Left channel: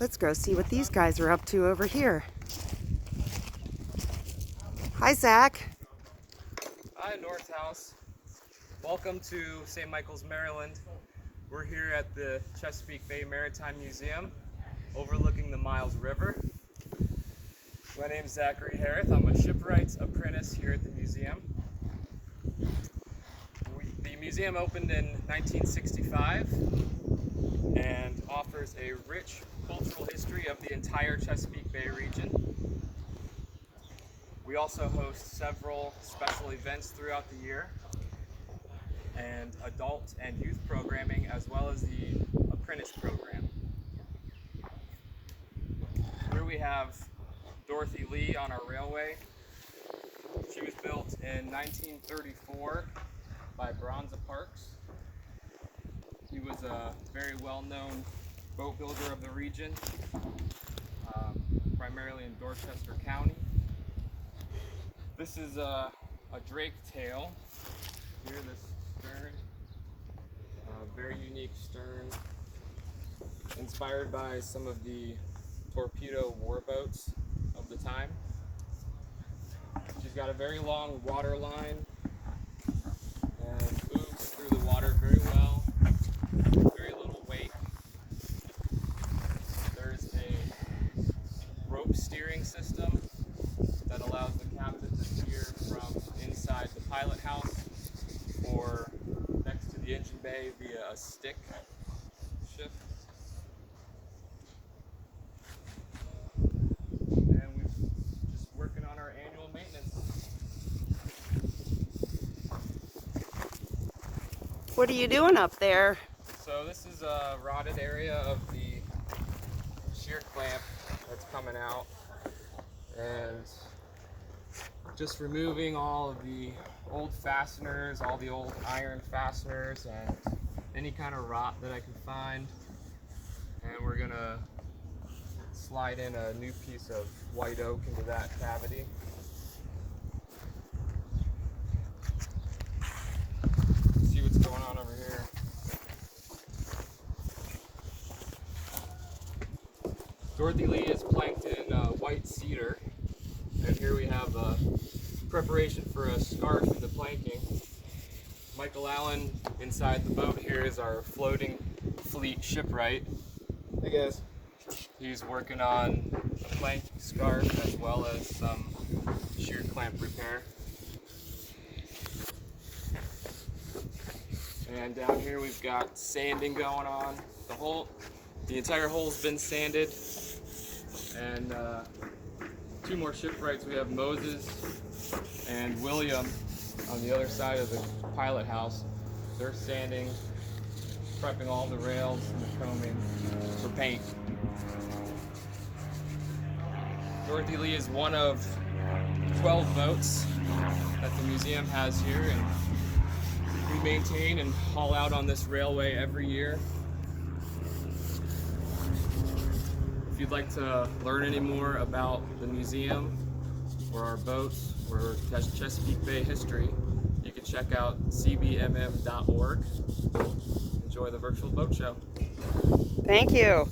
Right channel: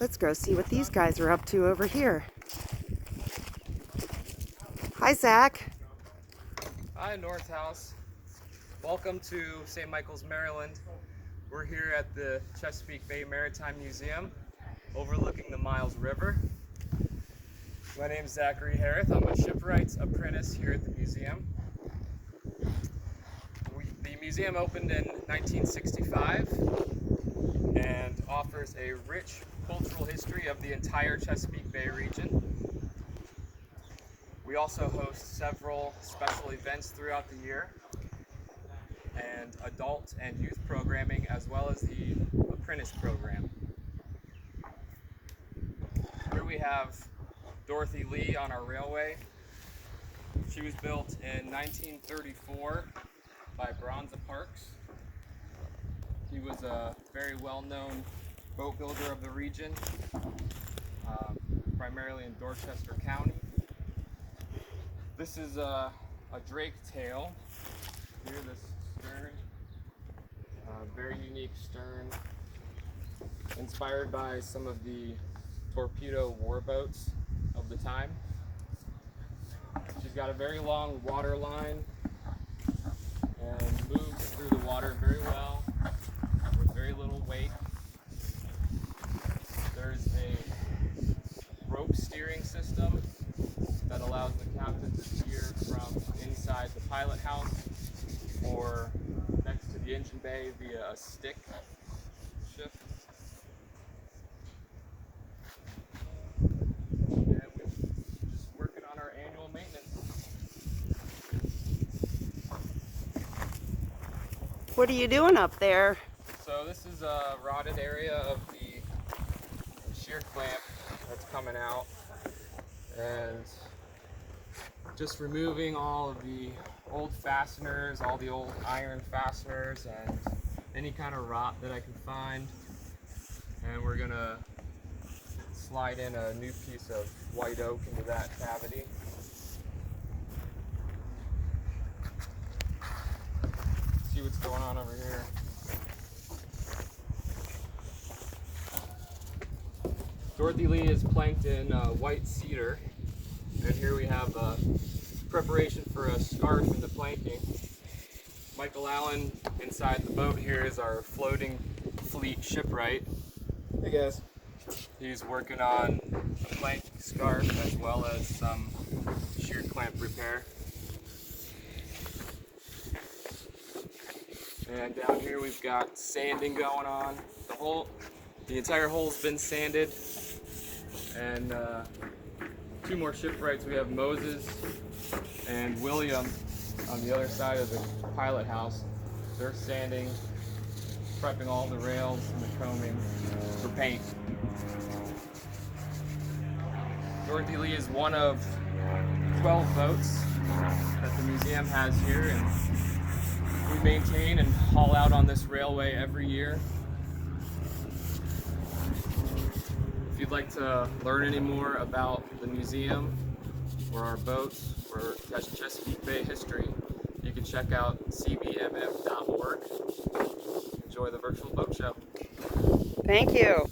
Let's go see what these guys are up to over here. Hi, Zach. Hi, North House. Welcome to St. Michael's, Maryland. We're here at the Chesapeake Bay Maritime Museum, overlooking the Miles River. My name is Zachary Harris. I'm a shipwrights apprentice here at the museum. The museum opened in 1965 and offers a rich cultural history of the entire Chesapeake Bay region. We also host several special events throughout the year and adult and youth programming, as well as the apprentice program. Here we have Dorothy Lee on our railway. She was built in 1934 by Bronza Parks. He was a very well-known boat builder of the region, primarily in Dorchester County. This is a drake tail. Here, this stern, very unique stern, inspired by some of the torpedo warboats of the time. She's got a very long water line and moves through the water very well, very little wake. There's a rope steering system that allows the captain to steer from inside the pilot house or next to the engine bay via a stick shift. And we're just working on our annual maintenance. What are you doing up there? So this is a rotted area of the shear clamp that's coming out, and just removing all of the old fasteners, all the old iron fasteners, and any kind of rot that I can find. And we're gonna slide in a new piece of white oak into that cavity. See what's going on over here. Dorothy Lee is planked in white cedar, and here we have preparation for a scarf in the planking. Michael Allen inside the boat here is our floating fleet shipwright. Hey guys. He's working on the plank scarf as well as some shear clamp repair. And down here we've got sanding going on. The entire hull's been sanded. And two more shipwrights. We have Moses and William on the other side of the pilot house. They're sanding, prepping all the rails and the combing for paint. Dorothy Lee is one of 12 boats that the museum has here, and we maintain and haul out on this railway every year. If you'd like to learn any more about the museum or our boats or Chesapeake Bay history, you can check out cbmm.org. Enjoy the virtual boat show. Thank you.